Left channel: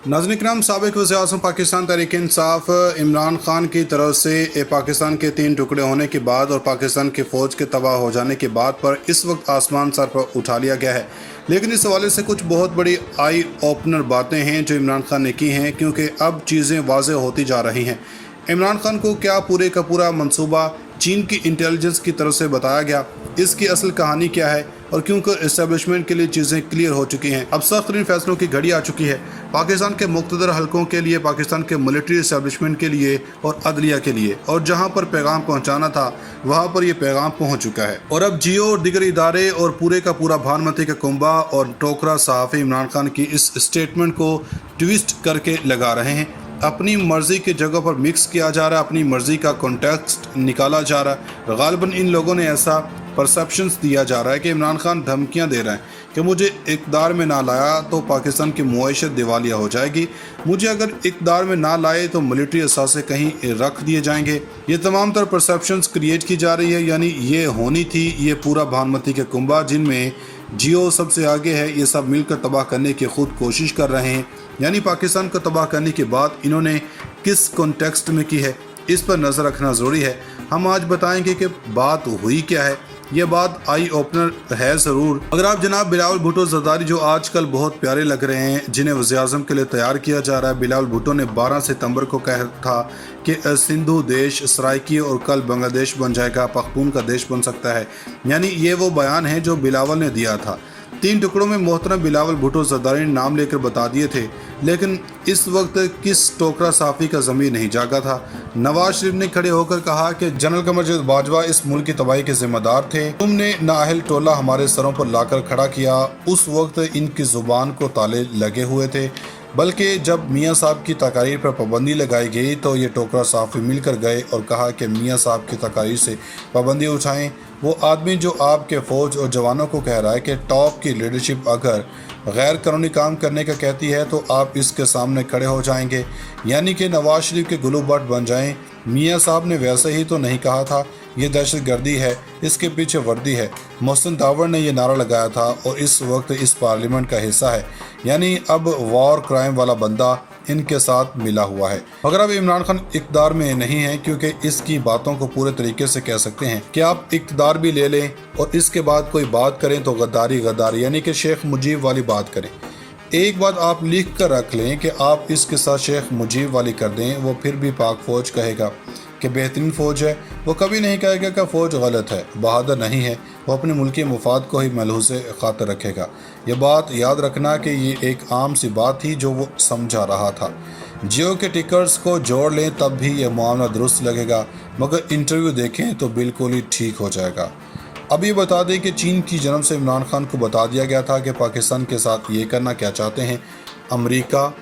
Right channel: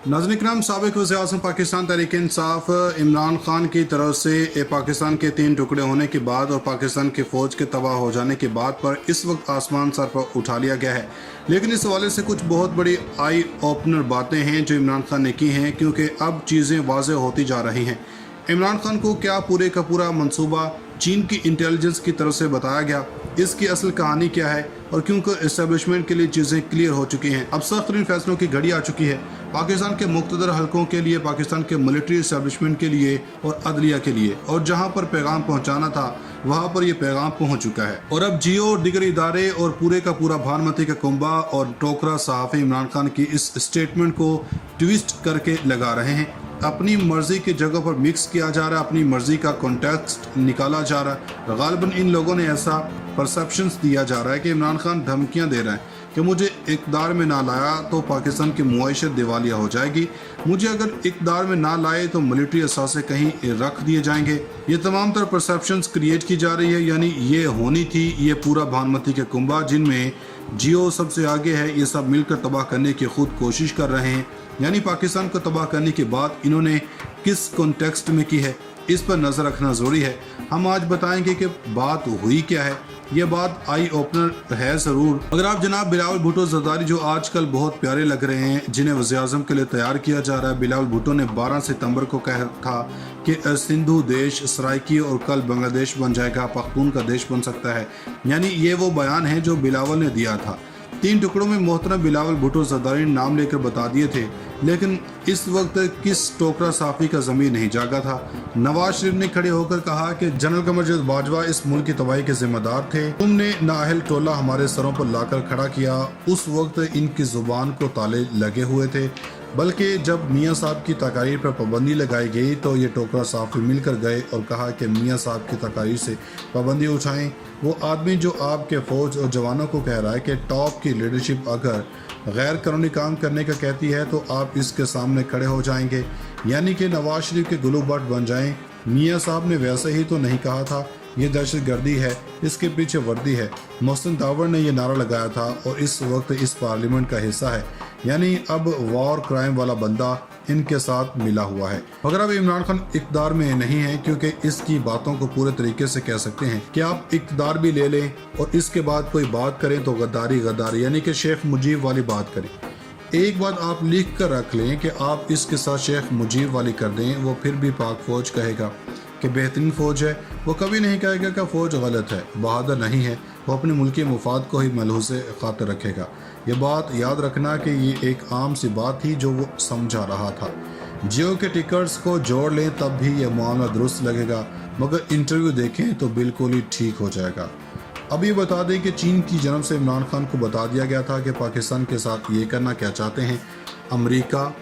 नाज़रीन इकराम, साबिक़ वज़ीर-ए-आज़म पाकिस्तान तहरीक इंसाफ इमरान खान की तरफ से पाकिस्तान के 3 टुकड़े होने के बाद और पाकिस्तान की फ़ौज के तबाह हो जाने के बाद पर इस वक्त आसमान सर पर उठा लिया गया है। लेकिन इस हवाले से कुछ बहुत बड़ी आई ओपनर बातें हैं जो इमरान खान ने की हैं, क्योंकि अब चीज़ें वाज़ेह होती जा रही हैं। इमरान खान को क्या पूरे का पूरा मंसूबा चीन की इंटेलिजेंस की तरफ से बताया गया, इसकी असल कहानी क्या है और क्योंकि इस्टेब्लिशमेंट के लिए चीज़ें क्लियर हो चुकी हैं। अब सख्त तरीन फैसलों की घड़ी आ चुकी है पाकिस्तान के मुक़्तदर हलकों के लिए, पाकिस्तान के मिलिट्री इस्टेब्लिशमेंट के लिए और अदलिया के लिए, और जहां पर पैगाम पहुंचाना था वहां पर ये पैगाम पहुंच चुका है। और अब जियो और दीगर इदारे और पूरे का पूरा भानुमती का कुंबा और टोकरा सहाफ़ी इमरान खान की इस स्टेटमेंट को ट्विस्ट करके लगा रहे हैं। अपनी मर्ज़ी की जगह पर मिक्स किया जा रहा है, अपनी मर्ज़ी का कॉन्टेक्स्ट निकाला जा रहा है। गालिबन इन लोगों ने ऐसा परसेप्शंस दिया जा रहा है कि इमरान खान धमकियां दे रहे हैं कि मुझे इक़्तिदार में ना लाया तो पाकिस्तान की मुआइशत दिवालिया हो जाएगी, मुझे अगर इक़्तिदार में ना लाए तो मिलिट्री असासे कहीं रख दिए जाएंगे। ये तमाम तर परसेप्शंस क्रिएट की जा रही है। यानी ये होनी थी ये पूरा भानुमती के कुंबा जिनमें जियो सबसे आगे है, ये सब मिलकर तबाह करने की खुद कोशिश कर रहे हैं। यानी पाकिस्तान को तबाह करने की बात इन्होंने किस कॉन्टेक्स्ट में की है, इस पर नज़र रखना ज़रूरी है। हम आज बताएंगे कि बात हुई क्या है। यह बात आई ओपनर है ज़रूर। अगर आप जनाब बिलावल भुट्टो ज़रदारी, जो आजकल बहुत प्यारे लग रहे हैं, जिन्हें वज़ीर-ए-आज़म के लिए तैयार किया जा रहा है, बिलावल भुट्टो ने 12 सितंबर को कहा था कि सिंधु देश सराइकी और कल बांग्लादेश बन जाएगा, पख्तून का देश बन सकता है। यानी ये वो बयान है जो बिलावल ने दिया था। 3 टुकड़ों में मोहतरम बिलावल भुट्टो ज़रदारी ने नाम लेकर बता दिए थे, लेकिन इस वक्त किस टोकरा साफ़ी का ज़मीर नहीं जागा था। नवाज शरीफ ने खड़े होकर कहा कि जनरल कमर जावेद बाजवा इस मुल्क की तबाही के जिम्मेदार थे, तुमने नाअहल टोला हमारे सरों पर लाकर खड़ा किया। उस वक्त इनकी ज़ुबान को ताले लगे हुए थे, बल्कि जब मियाँ साहब की तकारीर पर पाबंदी लगाई गई तो ये टोकरा साफ़ी मिलकर गए और कहा कि मियाँ साहब की तकारीर से पाबंदी उठाएं। वो आदमी जो आपके फ़ौज और जवानों को कह रहा है कि टॉप की लीडरशिप अगर गैर कानूनी काम करने का कहती है तो आप इसके सामने खड़े हो जाएंगे, यानी कि नवाज शरीफ के गुलूबट बन जाएं। मियाँ साहब ने वैसे ही तो नहीं कहा था, ये दहशत गर्दी है, इसके पीछे वर्दी है। मोहसिन दावर ने यह नारा लगाया था और इस वक्त इस पार्लियामेंट का हिस्सा है। यानी अब वॉर क्राइम वाला बंदा इनके साथ मिला हुआ है। मगर अब इमरान खान इक़्तिदार में नहीं है, क्योंकि इसकी बातों को पूरे तरीके से कह सकते हैं कि आप इक़्तिदार भी ले लें और इसके बाद कोई बात करें तो गद्दारी गद्दारी, यानी कि शेख मुजीब वाली बात करें। एक बात आप लिख कर रख लें कि आप इसके साथ शेख मुजीब वाली कर दें, वो फिर भी पाक फ़ौज कहेगा कि बेहतरीन फ़ौज है। वो कभी नहीं कहेगा कि फ़ौज गलत है, बहादुर नहीं है। वो अपने मुल्की मुफाद को ही मलहूज़ ख़ातिर रखेगा। ये बात याद रखना कि ये एक आम सी बात थी जो वो समझा रहा था। जियो के टिकट्स को जोड़ लें तब भी ये मामला दुरुस्त लगेगा, मगर इंटरव्यू देखें तो बिल्कुल ही ठीक हो जाएगा। अब ये बता दें कि चीन की जन्म से इमरान खान को बता दिया गया था कि पाकिस्तान के साथ ये करना क्या चाहते हैं। अमेरिका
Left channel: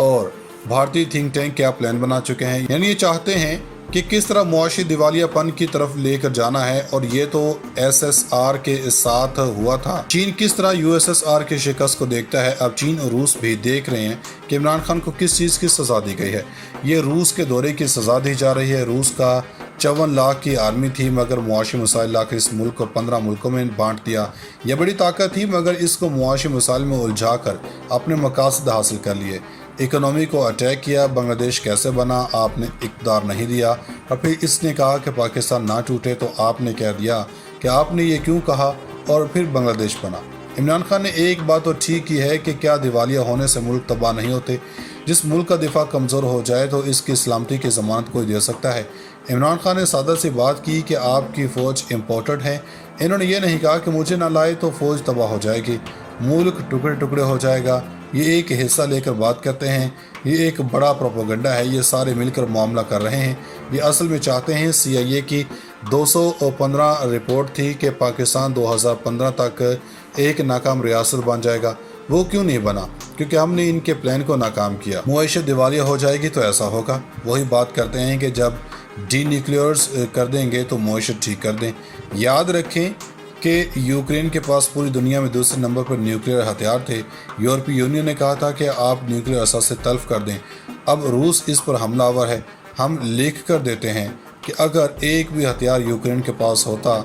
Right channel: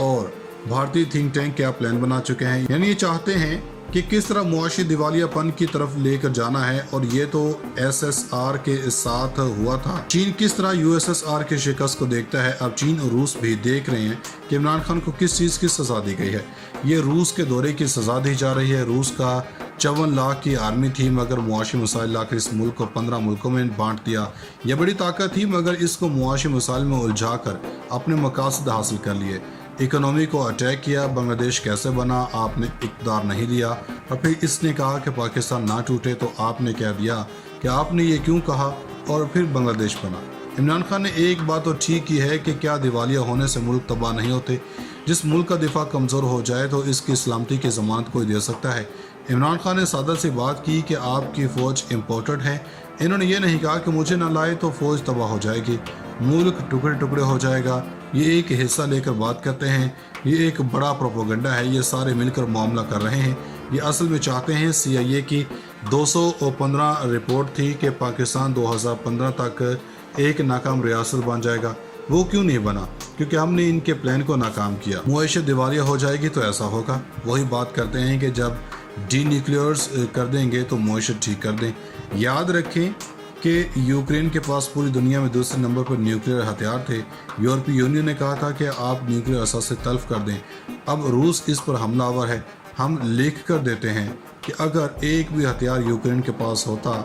और भारतीय थिंक टैंक क्या प्लान बना चुके हैं, यानी ये चाहते हैं कि किस तरह मुआशी दिवालियापन की तरफ लेकर जाना है। और ये तो SSR के साथ हुआ था। चीन किस तरह USSR के शिकस्त को देखता है, अब चीन और रूस भी देख रहे हैं कि इमरान खान को किस चीज़ की सज़ा दी गई है। ये रूस के दौरे की सज़ा दी जा रही है। रूस का 54 लाख की आर्मी थी, मगर मुआशी मसाइल लाकर इस मुल्क को 15 मुल्कों में बांट दिया। यह बड़ी ताकत थी, मगर इसको मुआशी मसाइल में उलझा कर अपने मकासद हासिल कर लिए। इकोनॉमी को अटैक किया। बांग्लादेश कैसे बना, आपने इक़्तिदार नहीं दिया। और फिर इसने कहा कि पाकिस्तान ना टूटे तो आपने कह दिया कि आपने ये क्यों कहा, और फिर बांग्लादेश बना। इमरान खान ने एक बात तो ठीक की है कि क्या दिवालिया होने से मुल्क तबाह नहीं होते। जिस मुल्क का दिफा कमज़ोर हो जाए तो इसकी सलामती की ज़मानत कोई दे सकता है। इमरान खान ने सादा सी बात की कि आपकी फ़ौज इम्पोर्टेड है। इन्होंने ये नहीं कहा कि मुझे ना लाए तो फ़ौज तबाह हो जाएगी, मुल्क टुकड़े टुकड़े हो जाएगा। ये एक हिस्सा लेकर बात करते हैं, ये एक बड़ा प्रोपोगंडा है। ये सारे मिलकर मामला कर रहे हैं। ये असल में चाहते हैं। CIA की 215 रिपोर्ट थी कि पाकिस्तान 2015 तक एक नाकाम रियासत बन जाएगा। वो क्यों नहीं बना? क्योंकि हमने इनके प्लान को नाकाम किया। मुआइशत दिवालिया हो जाएगी तो ऐसा होगा। वही बात करते हैं कि जब डीन्यूक्लियर्स कर देंगे तो मुआइशत ठीक कर दें। याद रखें कि यूक्रेन के पास पूरी दुनिया में दूसरे नंबर पर न्यूक्लियर हथियार थे। यूरोपीय यूनियन ने कहा था कि आप न्यूक्लियर असास से तल्फ कर दें। अब रूस इस पर हमलावर है। हम लिख कर देते हैं कि अगर एक भी हथियार यूक्रेन के पास होता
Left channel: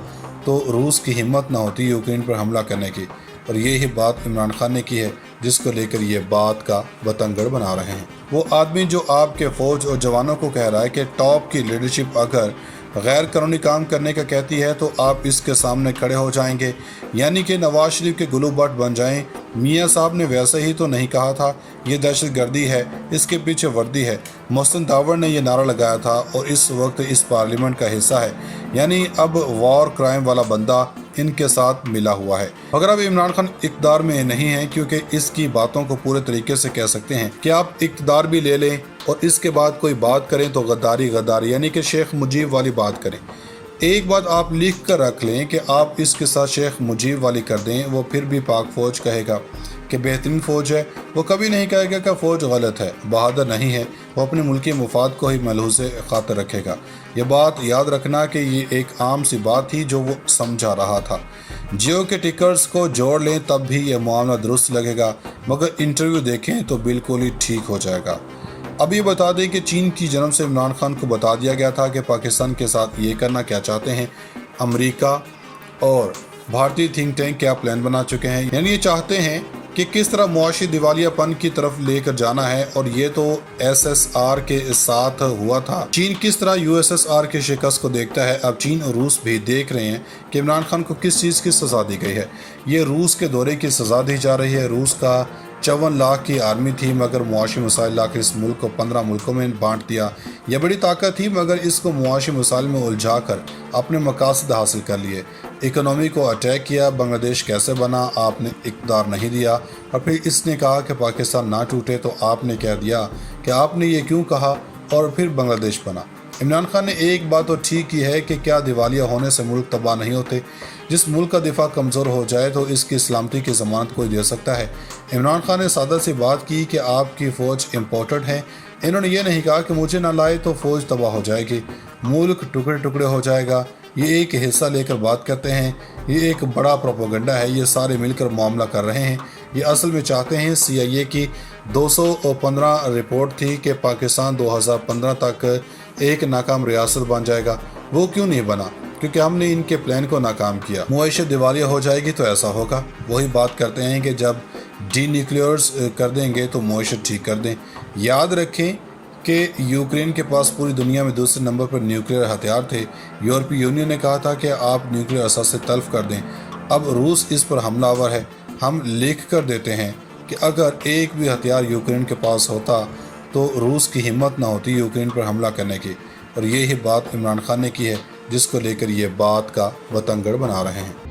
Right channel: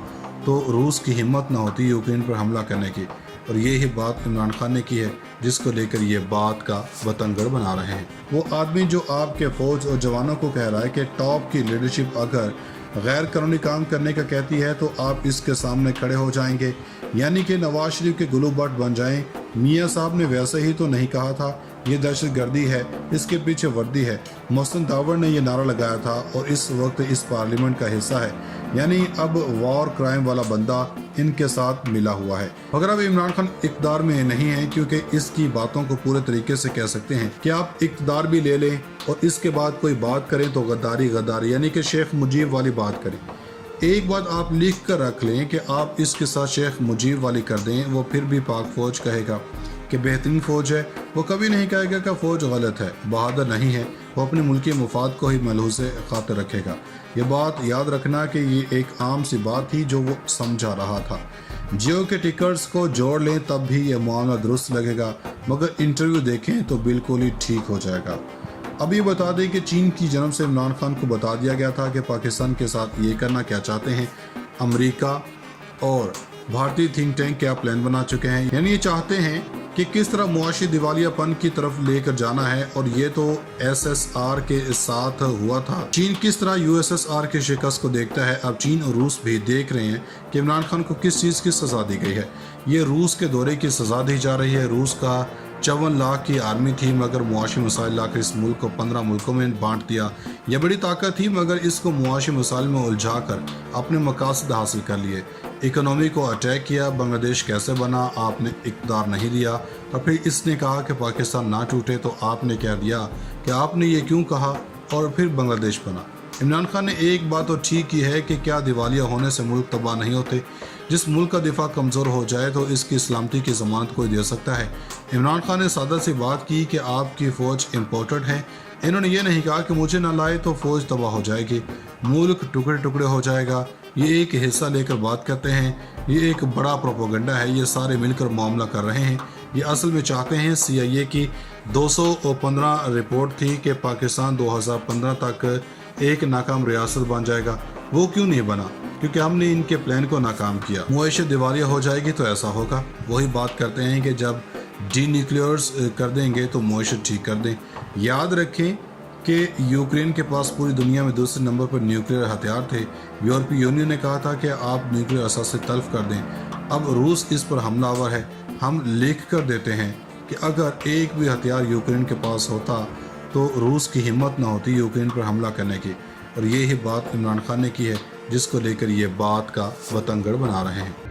तो रूस की हिम्मत न होती यूक्रेन पर हमला करने की। اور یہی بات عمران خان نے کی ہے جس کو لے کر یہ بات کا بتنگڑ بنا رہے ہیں۔ وہ آدمی جو آپ کے فوج اور جوانوں کو کہہ رہا ہے کہ ٹاپ کی لیڈرشپ اگر غیر قانونی کام کرنے کا کہتی ہے تو آپ اس کے سامنے کھڑے ہو جائیں گے، یعنی کہ نواز شریف کے گلو بٹ بن جائیں۔ میاں صاحب نے ویسے ہی تو نہیں کہا تھا یہ دہشت گردی ہے، اس کے پیچھے وردی ہے۔ محسن داور نے یہ نعرہ لگایا تھا اور اس وقت اس پارلیمنٹ کا حصہ ہے، یعنی اب وار کرائم والا بندہ ان کے ساتھ ملا ہوا ہے۔ مگر اب عمران خان اقتدار میں نہیں ہے، کیونکہ اس کی باتوں کو پورے طریقے سے کہہ سکتے ہیں کہ آپ اقتدار بھی لے لیں اور اس کے بعد کوئی بات کریں تو غداری یعنی کہ شیخ مجیب والی بات کریں۔ ایک بات آپ لکھ کر رکھ لیں کہ آپ اس کے ساتھ شیخ مجیب والی کر دیں، وہ پھر بھی پاک فوج کہے گا کہ بہترین فوج ہے، وہ کبھی نہیں کہے گا کہ فوج غلط ہے، بہادر نہیں ہے، وہ اپنے ملکی مفاد کو ہی ملحوظ خاطر رکھے گا۔ یہ بات یاد رکھنا کہ یہ ایک عام سی بات تھی جو وہ سمجھا رہا تھا۔ جیو کے ٹکرز کو جوڑ لیں تب بھی یہ معاملہ درست لگے گا، مگر انٹرویو دیکھیں تو بالکل ہی ٹھیک ہو جائے گا۔ اب یہ بتا دیں کہ چین کی جانب سے عمران خان کو بتا دیا گیا تھا کہ پاکستان کے ساتھ یہ کرنا کیا چاہتے ہیں۔ امریکہ اور بھارتی تھنک ٹینک کیا پلان بنا چکے ہیں، یعنی یہ چاہتے ہیں کہ کس طرح معاشی دیوالیہ پن کی طرف لے کر جانا ہے، اور یہ تو SSR کے ساتھ ہوا تھا۔ چین کس طرح USSR کے شکست کو دیکھتا ہے، اب چین اور روس بھی دیکھ رہے ہیں کہ عمران خان کو کس چیز کی سزا دی گئی ہے۔ یہ روس کے دورے کی سزا دی جا رہی ہے۔ روس کا 54 لاکھ کی آرمی تھی، مگر معاشی مسائل لا کر اس ملک کو 15 ملکوں میں بانٹ دیا۔ یہ بڑی طاقت تھی، مگر اس کو معاشی مسائل میں الجھا کر اپنے مقاصد حاصل کر لیے۔ اکنومی کو اٹیک کیا۔ بنگلہ دیش کیسے بنا، آپ نے اقتدار نہیں دیا، اور پھر اس نے کہا کہ پاکستان نہ ٹوٹے تو آپ نے کہہ دیا کہ آپ نے یہ کیوں کہا، اور پھر بنگلہ دیش بنا۔ عمران خان نے ایک بات تو ٹھیک کی ہے کہ کیا دیوالیہ ہونے سے ملک تباہ نہیں ہوتے۔ جس ملک کا دفاع کمزور ہو جائے تو اس کی سلامتی کی ضمانت کوئی دے سکتا ہے۔ عمران خان نے سادہ سی بات کی کہ آپ کی فوج امپورٹڈ ہے۔ انہوں نے یہ نہیں کہا کہ مجھے نہ لائے تو فوج تباہ ہو جائے گی، ملک ٹکڑے ٹکڑے ہو جائے گا۔ یہ ایک حصہ لے کر بات کرتے ہیں، یہ ایک بڑا پروپیگنڈا ہے، یہ سارے مل کر معاملہ کر رہے ہیں۔ یہ اصل میں چاہتے ہیں CIA کی 215 رپورٹ تھی کہ پاکستان 2015 تک ایک ناکام ریاست بن جائے گا، وہ کیوں نہیں بنا؟ کیونکہ ہم نے ان کے پلان کو ناکام کیا۔ معیشت دیوالیہ ہو جائے گی تو ایسا ہوگا۔ وہی بات کرتے ہیں کہ جب ڈی نیوکلیئرز کر دیں گے تو معیشت ٹھیک کر دیں۔ یاد رکھیں کہ یوکرین کے پاس پوری دنیا میں دوسرے نمبر پر نیوکلیئر ہتھیار تھے۔ یورپی یونین نے کہا تھا کہ آپ نیوکلیئر اثاثے تلف کر دیں۔ اب روس اس پر حملہ آور ہے۔ ہم لکھ کر دیتے ہیں کہ اگر ایک بھی ہتھیار یوکرین کے پاس ہوتا تو روس کی ہمت نہ ہوتی یوکرین پر حملہ کرنے کی، اور یہی بات عمران خان نے کی ہے جس کو لے کر یہ بات کا بتنگڑ بنا رہے ہیں۔